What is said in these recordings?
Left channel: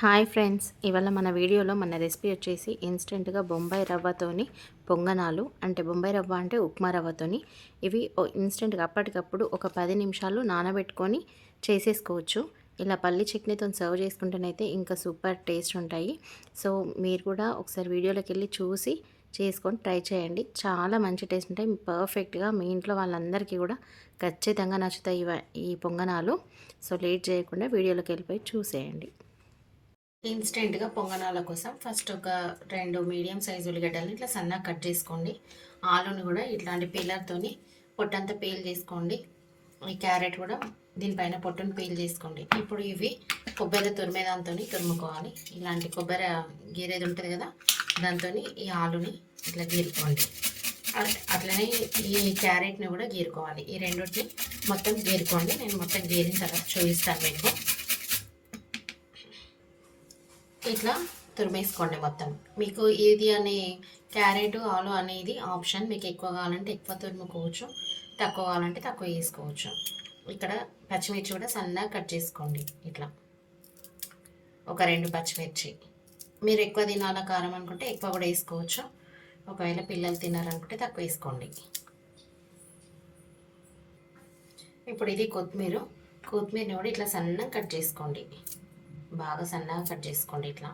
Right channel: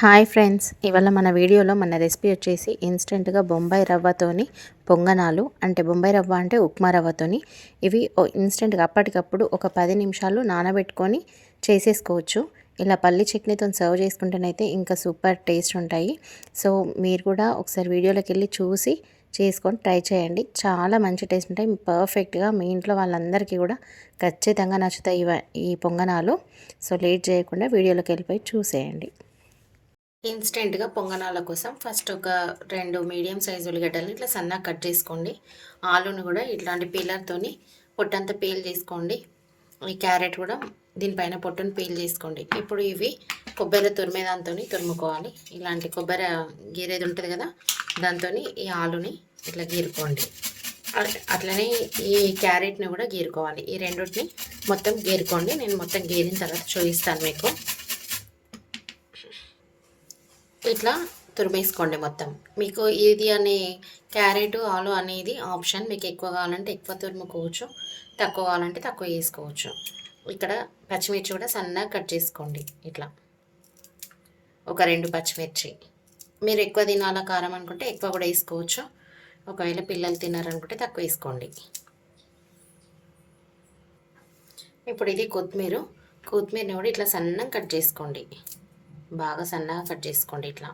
Hi friends, ఇవాళ మన వీడియోలో మన రెసిపీ వచ్చేసి ఇన్స్టెంట్గా బొంబాయి రవ్వతోని పొంగనాలు. అంటే బొంబాయి రవ్వ అంటే ఉప్మా రవ్వతోని ఇవి ఇన్స్టెంట్గా అప్పటికప్పుడు ఒక 10 నిమిషాలు నానబెట్టుకొని చేసేసుకోవచ్చు. ఇలా పల్లి చట్నీతో సర్వ్ చేసుకుంటేనైతే ఇంకా సూపర్ టేస్ట్ ఉంటాయి. సో మీరు కూడా ఒకసారి వీడియోలోకి వెళ్ళి చూసి చేసుకొని ట్రై చేయండి. చాలా మంచి టేస్ట్ ఉంటాయి. పర్ఫెక్ట్గా మీ ఇంట్లో వాళ్ళందరికీ కూడా ఖచ్చితంగా నచ్చుతాయి ఈ పొంగనాలు. సో లేట్ చేయకుండా వీడియోలోకి వెళ్ళిపోయి చూసేయండి. ఇన్స్టెంట్గా పొంగనాల కోసం ఫస్ట్ ఒక 2 మీడియం సైజు ఉల్లిగడ్డలు ఇట్లా సన్నగా కట్ చేసుకోండి. ఆలును కూడా ఇట్లాంటి పీలర్తోని పొట్టంతా పీల్ చేసుకోండి. ఈ క్యారెట్ కూడా దీనిపైన పొట్టును పీల్ చేసుకోండి. ఇప్పుడు ఇవి కొబ్బరి తురిమే దాంతో తురుముకోవాలి. ఇలాంటి కొబ్బరి గీరేది ఉంటుంది కదా, దాంతో ఈ ఆలుని ఇట్లా గీరుకోండి. అట్లనే ఈ క్యారెట్ని కూడా గీరుకోవాలి. ఈ రెండింటిని మొత్తం గీరుకోండి. నేను మొత్తం గీరిన తర్వాత చూపిస్తాను మీకు. ఇట్లా తురిమేసుకోండి మొత్తం. మీకు ఏది అనే క్యారెట్ ఆలు అనేది ఆప్షన్. మీకు ఎక్కువ కావాలంటే ఎక్కువ తురుముకోవచ్చు, తక్కువ కావాలంటే తక్కువ వేసుకోవచ్చు. ఇక్కడ పచ్చిమిర్చి కూడా సన్నగా కట్ చేసుకోండి. ఇట్లా ఒక 2 పచ్చిమిర్చి. మీరు ఎక్కువ తినాల కారం అనుకుంటే ఎక్కువ కూడా వేసుకోవచ్చు. ఒకవేళ పిల్లలు తినారనుకుంటే తక్కువ వేసుకోండి. ఇప్పుడు ఇది కొత్తిమీరని కూడా ఇట్లా సన్నగా కట్ చేసుకోండి. బాగా సన్నగా కట్ చేసుకోండి ఇట్లా.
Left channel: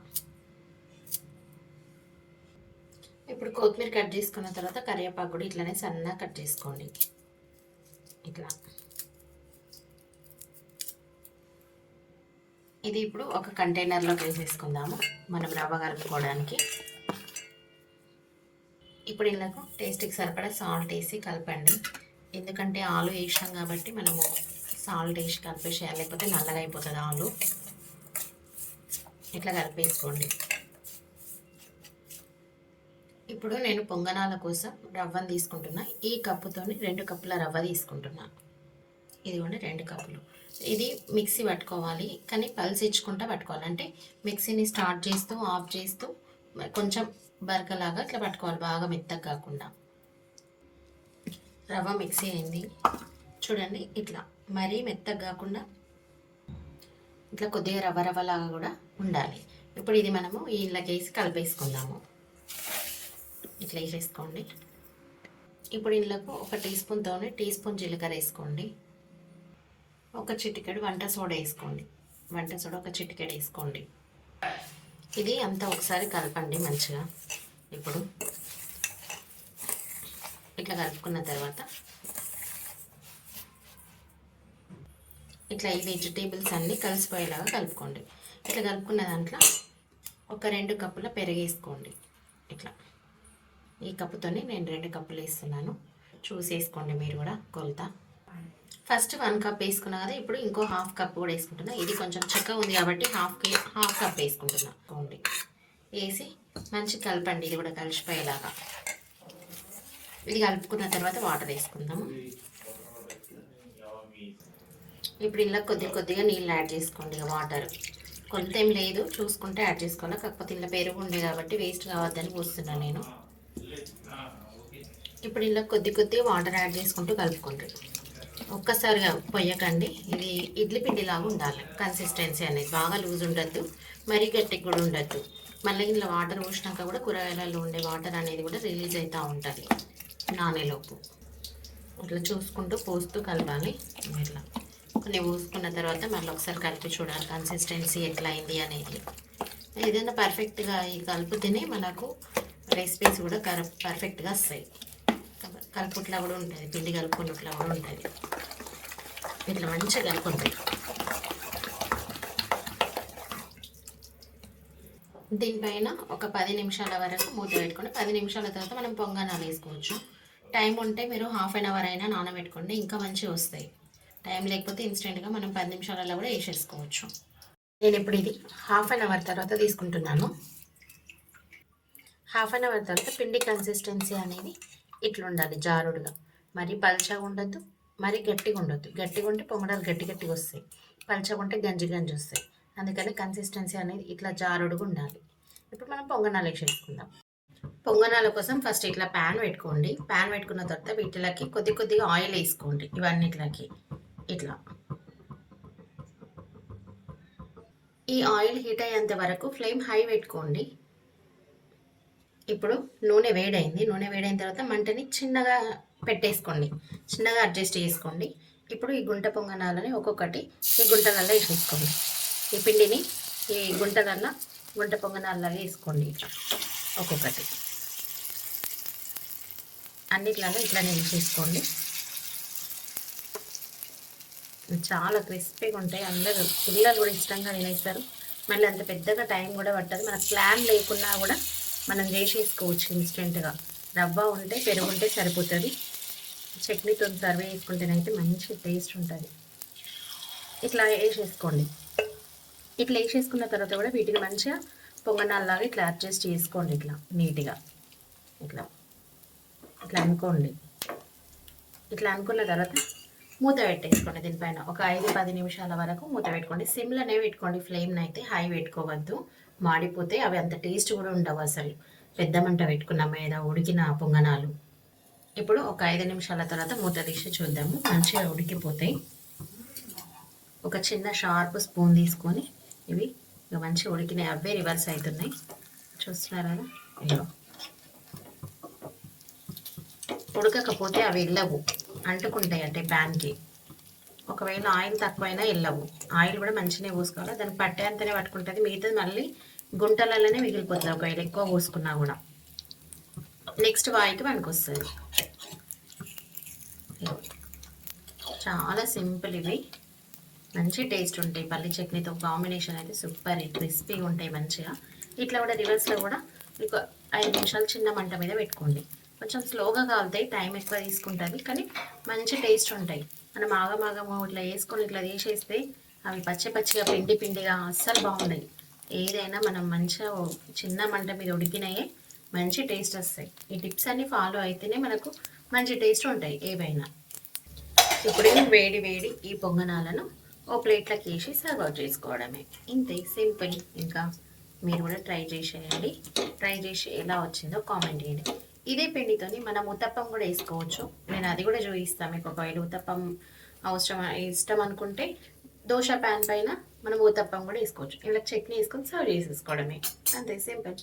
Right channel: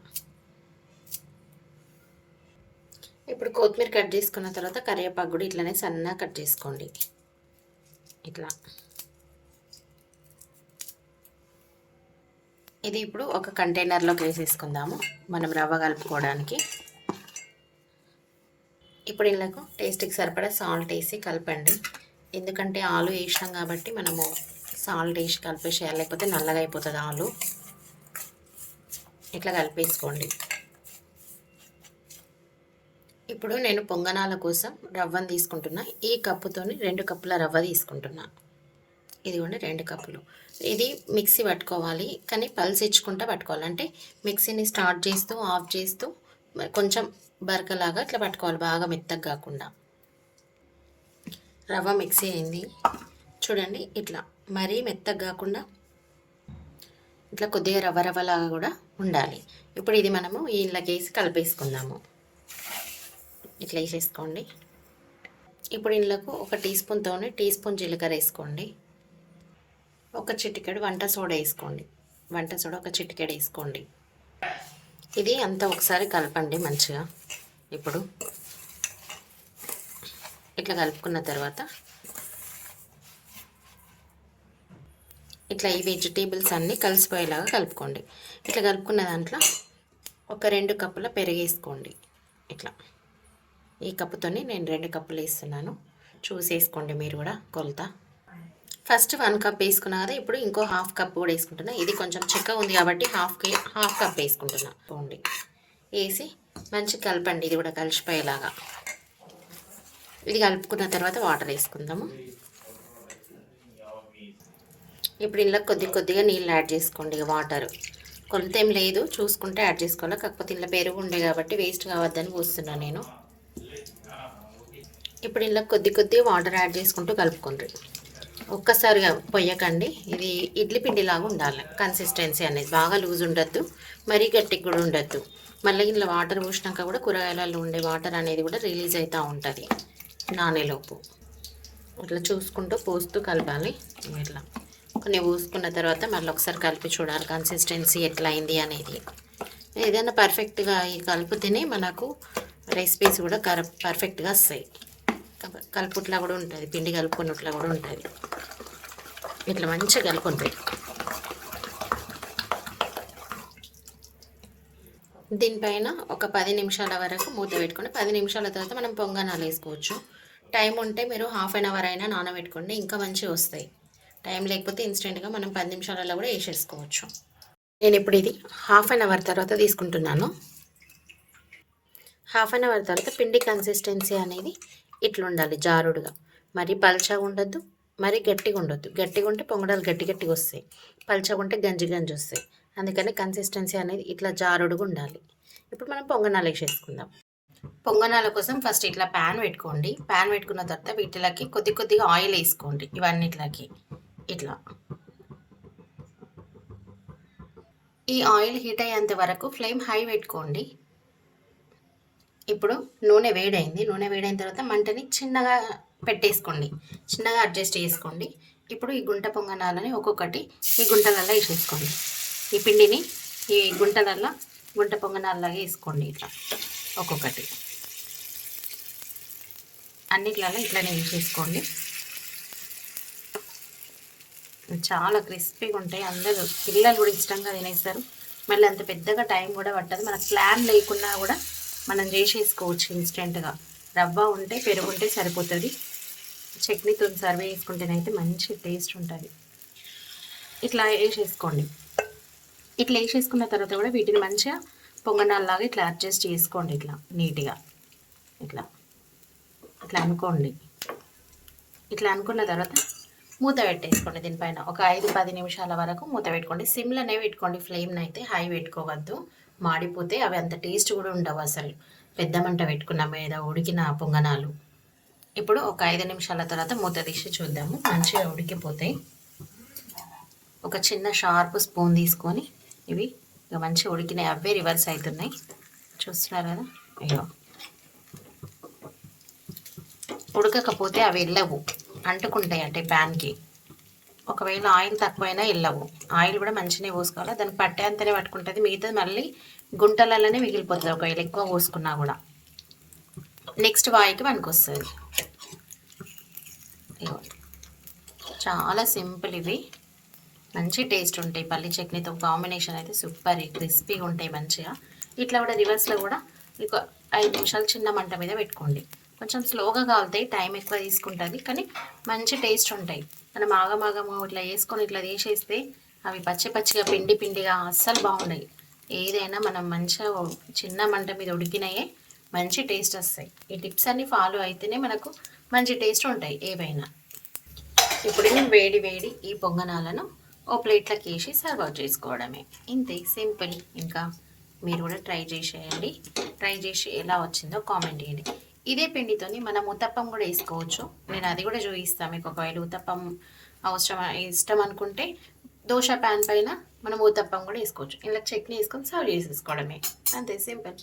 ఇప్పుడు కొత్తిమీర కట్ చేసుకున్న తర్వాత కరివేపాకు కూడా ఇట్లానే సన్నగా కట్ చేసుకోండి ఇట్లా. ఇది ఇప్పుడు ఒక కంటైనర్లోకి వేసేసుకుందాము మనం రవ్వ కలుపుకోవడానికి. ఇప్పుడు ఇళ్ళకు టేస్ట్కి సరిపడా సాల్ట్ వేసి కలపండి. ఎందుకంటే ఆలు వేసినాం కాబట్టి మనము సాల్ట్ వేసి కలిపేసేయాలి, లేకపోతే నల్లగా అయిపోతుంది ఆలు. ఇట్లా కలిపేసుకోండి. ఇప్పుడు నేను పొంగనాల కోసం రవ్వను తీసుకుంటున్నా. ఈ కప్పుతోని 2 కప్పుల రవ్వ తీసుకుంటున్నా. ఇది కూడా 2 కప్పులు. ఇది మిక్సీ పట్టుకోవాలి, కానీ పల్స్ ఇచ్చుకుంటూ పట్టుకోవాలి. అంటే మిక్సీని స్టార్ట్ చేస్తూ ఆఫ్ చేస్తూ కొంచెం బరకలాగా ఇట్లా పట్టుకోవాలి, బాగా మెత్తగా కాకుండా. రవ్వ మిక్సీ అయింది చూడండి. ఇట్లా మరీ మెత్తగా కాకుండా ఇట్లా కొద్దిగా రవ్వలాగా కూడా ఉండాలి. ఇప్పుడు ఇది మనము ఇళ్ళకి వేసి కలిపేసుకుందాము. ఇట్లా వేసేసుకోండి. ఇప్పుడు ఇళ్ళకు ఒక టీ స్పూన్ జీలకర్ర వేసుకోండి. ఒక చిటికెడు వంట సోడా వేసుకోండి. వంట సోడా ఒక చిటికెడు వేసుకోండి. ఇది అంతా ఒకసారి కలపండి మంచిగా. ఇప్పుడు ఇట్లా కలుపుకున్న తర్వాత ఇట్లా ఈ వెజిటేబుల్స్ అన్నీ కలిసిపోయేలాగా కలుపుకోండి. ఇట్లా కలుపుకున్న దాంట్లో ఒక 2 కప్పుల పెరుగు వేసుకోండి. ఇట్లా ఈ కప్పుతోని నేను 2 కప్పులు వేస్తున్నాను. చూసేసుకోండి మీరు కూడా కొలత. ఫస్ట్ 1 కప్ వేసుకున్నా కదా, ఇప్పుడు ఇంకో హాఫ్ కప్ కూడా వేసుకుంటున్నా. ఇది కొంచెం చిక్క ఉంది కాబట్టి హాఫ్ కప్ వేసుకుంటున్నా. వేసి మంచిగా కలపండి. ఇది కూడా కలిసిపోయేలాగా. ఇది కలుపుకున్న తర్వాత వాటర్ వేసుకుందాము. ఇప్పుడు ఇలా కొద్దిగా నీళ్ళు యాడ్ చేసుకోండి. వాటర్ కొలత ఏం లేదు, చూసుకుంటే యాడ్ చేసుకోవాలి. కాకపోతే ఇలా పెరుగు ఉండే కాబట్టి వేస్ట్ కావద్దని పోస్తున్నాను నేను. ఇప్పుడు ఇలా కొద్దిగా వాటర్ యాడ్ చేసుకుంటూ కలుపుకోండి. ఒక్కసారిగా పొయ్యకండి. ఇది ఇడ్లీ పిండిలాగా ఉండాలి కన్సిస్టెన్సీ అనేది. బాగా లూజ్ ఉండద్దు, మరీ గట్టిగా కూడా ఉండద్దు. మళ్ళీ ఇలా వాటర్ పోసినాక కూడా కూరగాయలలో ఉండే వాటర్ అనేది కూడా రిలీజ్ అవుతూ ఉంటుంది నానేలోపు. ఇట్లా చూసుకుంటూ పోస్తూ కలపాలి. ఇట్లా కొన్ని పోసుకున్న తర్వాత మళ్ళీ ఒకసారి కలిపి చూడాలి కన్సిస్టెన్సీ ఎట్లా అయింది అనేది. ఏదైనా పర్ఫెక్ట్గా ఈ కలుపుతేనే మనకు రెసిపీస్ కూడా పర్ఫెక్ట్గా వస్తాయి. కలుపుట్లా కూడా ఉంటుంది, పిండి కలుపుకున్నట్లా కూడా ఉంటుంది. ఇట్లా మంచిగా కలుపుకుంటాయి. దీనిపైన ఒక 10 నిమిషాల వరకు మూత పెట్టుకొని 10 నిమిషాల తర్వాత మనం పొంగనాలు వేసుకోవచ్చు. టైం ఉంటే మీరు హాఫ్ అన్ అవర్ అయినా నానబెట్టుకోండి, ఇంకా మంచిగా వస్తాయి. టైం లేకపోతే ఇన్స్టెంట్గా మనం 10 నిమిషాలలో కూడా వేసేసుకోవచ్చు. నేను ఇప్పుడు ఇది హాఫ్ అన్ అవర్ తర్వాత తీసుకుంటున్నాను. హాఫ్ అన్ అవర్ తర్వాత పిండి కన్సిస్టెన్సీ అనేది ఇట్లా ఉండాలి, జారుడుగా. మరీ పల్చగా ఉండొద్దు, మరీ గట్టిగా ఉండొద్దు. గట్టిగా ఉంటే పొంగడాలు గట్టిగా వస్తాయి, పల్చగా ఉంటే గంజి వస్తాయి. అందుకని కన్సిస్టెన్సీ అనేది ఇట్లా జారుడుగా ఉండాలి. ఇప్పుడు మనం పొంగనాలు వేసేసుకుందాం. పొంగనాల కోసం ఫస్ట్ ఇట్లా ప్యాన్ పెట్టుకోండి. ప్యాన్ పెట్టుకున్న తర్వాత వీటిలోకి కొద్దిగా ఆయిల్ వేసుకోండి. ఇవన్నిట్లకి ఇట్లా. ఈ ఆయిల్ హీట్ అయ్యేంత వరకు ఫ్లేమ్ హై పెట్టుకోండి. ఇప్పుడు నూనె వేడైంది. నూనె వేడైన తర్వాత మంటని చిన్నగా పెట్టేసుకోండి, చిన్నగా అడ్జస్ట్ చేసుకోండి. ఇప్పుడు ఈ గుంట పొంగనాలని ఒక్కొక్కటి ఈ గుంటలల్లో వేసేసుకోండి. ఈ పిండిని ఈ గుంటలల్లో గుంట పొంగనాల్లాగా వేసుకోండి. ఇట్లా ఒక్కొక్కటి అన్నిట్లలో ఇట్లానే వేసేసుకోండి. చాలా క్రిస్పీగా ఉంటాయి. అందరూ పిల్లలు కూడా ఇష్టంగా తినేస్తారు. మళ్ళీ అంత పెద్దగా టైం కూడా పట్టదు. మన ప్లాన్ లేకున్నా కూడా మనం చేసేసుకోవచ్చు ఇన్స్టెంట్గా. రవ్వ ఉంటే పెరుగు ఉంటే సరిపోతుంది. చట్నీతో సర్వ్ చేసుకుంటేనైతే మంచి టేస్ట్ ఉంటుంది. ఇట్లా వేసేసుకోండి. ఇట్లా వేసేసుకున్న తర్వాత కూడా వీటిని మంచిగా పొంగనాల్లాగా ఇట్లా అడ్జస్ట్ చేసుకోండి. ఇట్లా నీట్గా ఇట్లా ఇట్లా అనుకోండి. ఇట్లా అనుకున్న తర్వాత మూత పెట్టేసుకోండి. దీనిపైన ఒక 5-10 నిమిషాల వరకు మూత పెట్టుకోండి. సిమ్లోనే పెట్టుకోండి, ఫ్లేమ్ని అయితే హై పెట్టుకోవద్దు, మాడిపోతే అవి అంత టేస్ట్ కూడా ఉండవు అసలు. పెద్ద మంట పెట్టుకున్న మీద ఉడికిన పొంగనాలు. ఇప్పుడు ఒక 5 నిమిషాల తర్వాత మూత తీసి చూద్దాము. మంచిగా ఉడికిపోతాయి. ఒక చిన్న షార్ప్ స్పూన్ తీసుకొని ఇవి మంచిగా ఉడికినాయి, అవే రివర్స్ అవుతున్నాయి. చూస్తున్నారు కదా, ఇగో ఉడకకపోతే అవి వెళ్ళవు, అంటుకుంటాయి అంటే ప్యాన్కి. ఒకవేళ ఆయిల్ తక్కువైనా వెళ్ళవు. ఆయిల్ కూడా మంచిగా పోసుకోవాలి, దానికి పట్టేంతనే పట్టుకుంటుంది. మిగతాది మళ్ళీ గుంటలలోనే మిగిలిపోతుంది ఒకవేళ ఎక్కువ పోసుకున్నా కూడా. నెక్స్ట్ వాయికి మనకు వస్తుంది. చాలా సింపుల్ ఇవి, మంచి టేస్ట్ ఉంటాయి. పల్లి చట్నీతో కాంబినేషన్ అయితే సూపర్, క్రిస్పీగా ఉంటాయి మంచిగా. ఇట్లా కూడా రివర్స్లో కూడా మీకు 5 నిమిషాలు చిన్న మంట మీద పెట్టుకోండి. కొంచెం స్లోగా కాలుతాయి, టైం ఎక్కువ తీసుకుంటుంది, కానీ మంచి టేస్ట్ ఉంటాయి. మనం ఆగమాగము ఇట్లా వేసుకొని ఇట్లా తీసేస్తే అవి పచ్చి పచ్చిగా పిండి పిండిగా అస్సలు బాగున్నాయి. ఏదైనా మనం మంచిగా చిన్న మంట మీద ఉడికినాయే మంచి టేస్ట్ వస్తాయి. ఈ టిప్స్ అన్నీ ఫాలో అయితేనే మనకు మంచి టేస్ట్ ఉంటాయి ఏవైనా. ఇప్పుడేమో వేడి వేడి ఈ పొంగనాలను ఓ ప్లేట్లోకి వేసి సర్వ్ చేసుకోవడమే. ఇంతే, సింపుల్. ఇంకా మీరు కూడా ట్రై చేసేయండి. ట్రై చేసి ఎలా వచ్చిందో కామెంట్ చేయండి. ఇదే పిండితోని మనం ఉత్తప్పం కూడా వేసుకోవచ్చు. నేను అది కూడా చూపిస్తాను మీకు. ఒకవేళ ఉత్తప్పం అవసరం ఇష్టం అనుకుంటే దోశ ప్యాన్ పైన మనం ఉత్తప్పం కూడా వేసుకోవచ్చు. ఇలా చట్నీ వేసుకొని సర్వ్ చేసేసుకోవడమే, అంతే, సింపుల్.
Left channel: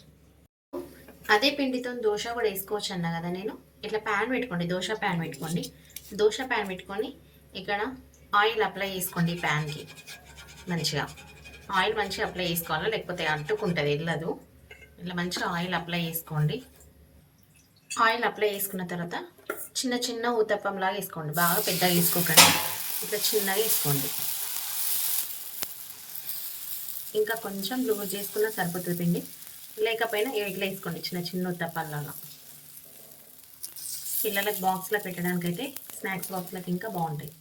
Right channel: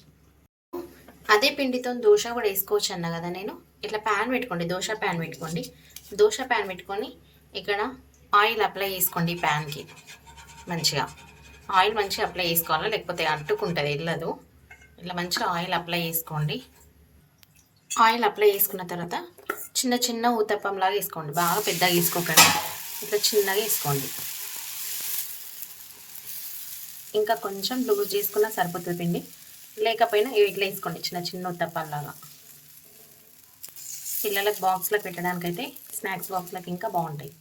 అదే పిండితో దోశ కూడా వేసుకోవచ్చు అన్నా కదా నేను. ఇట్లా ప్యాన్ పెట్టుకోండి, దోశ ప్యాన్ పెట్టుకోండి. దోశ ప్యాన్ పెట్టుకొని ఇక్కడ ఆయిల్ అప్లై చేసుకోండి. ప్యాన్కి మంచిగా ఆయిల్ మంచిగా అప్లై చేసుకోవాలి, లేకపోతే అంటుకుంటుంది, వెళ్ళదు. ఇట్లా మంచిగా ఆయిల్ అప్లై చేసుకోండి. ఆయిల్ అప్లై చేసుకున్న తర్వాత చిన్న చిన్న ఊతప్పంలాగా వేసుకోండి. బాగా పెద్దగా వేసుకోకండి, ఇట్లా చిన్నగా వేసుకోండి. ఇంకా కొంచెం లూజ్ చేసుకున్నా సరిపోతుంది పిండి, లేకపోయినా ఇట్లా వేసుకోండి చిన్న చిన్న ఊతప్పంలాగా. పిల్లలకు బాక్స్లో పెట్టడానికైతే, స్నాక్స్ బాక్స్లకు ఇంకా బాగుంటాయి.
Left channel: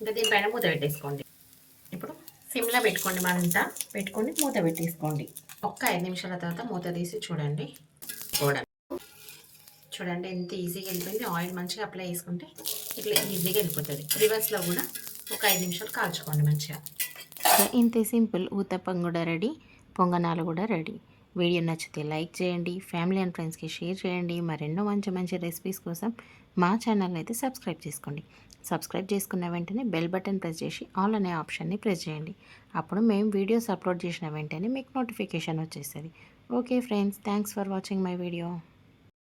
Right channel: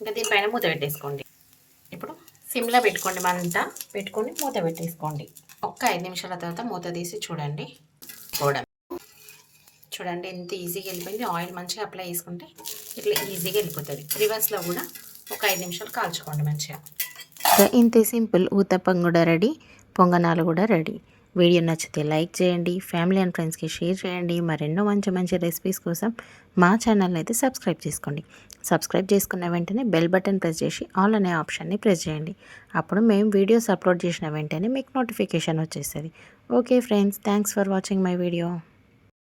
ఇంకా దీనిపైన మూత పెట్టేసుకోండి. ఇప్పుడు సిమ్లో పెట్టుకోండి, మంట పెట్టుకొని మూత పెట్టేసుకోండి. ఒక్క 5 నిమిషాల తర్వాత మూత తీసి చూడండి. చూడండి ఎంత ఈజీగా వెళ్ళిపోయింది. ఆయిల్ మంచిగా అప్లై చేసుకుంటే ఇట్లా ఈజీగా వెళ్ళిపోతుంది. రివర్స్లో కూడా ఒక 5 నిమిషాలు కాల్చుకోండి మంచిగా. ఇంతే, సింపుల్. ఊతప్పం కూడా రెడీ, పొంగనాలు కూడా రెడీ. వీడియో నచ్చితే లైక్ చేయండి, ఫ్యామిలీ అండ్ ఫ్రెండ్స్కి షేర్ చేయండి. మరెన్నో మంచి మంచి రెసిపీస్ కోసం మా ఛానల్ని అయితే సబ్స్క్రైబ్ చేసుకోండి. సబ్స్క్రైబ్ చేసుకున్న వెంటనే బెల్ బటన్ ప్రెస్ చేసి ఆల్ అనే ఆప్షన్ని ప్రెస్ చేయండి. అప్పుడు మేము వీడియోస్ అప్లోడ్ చేసిన వెంటనే మీకు నోటిఫికేషన్ వచ్చేస్తుంది. Okay friends, thanks for watching my video.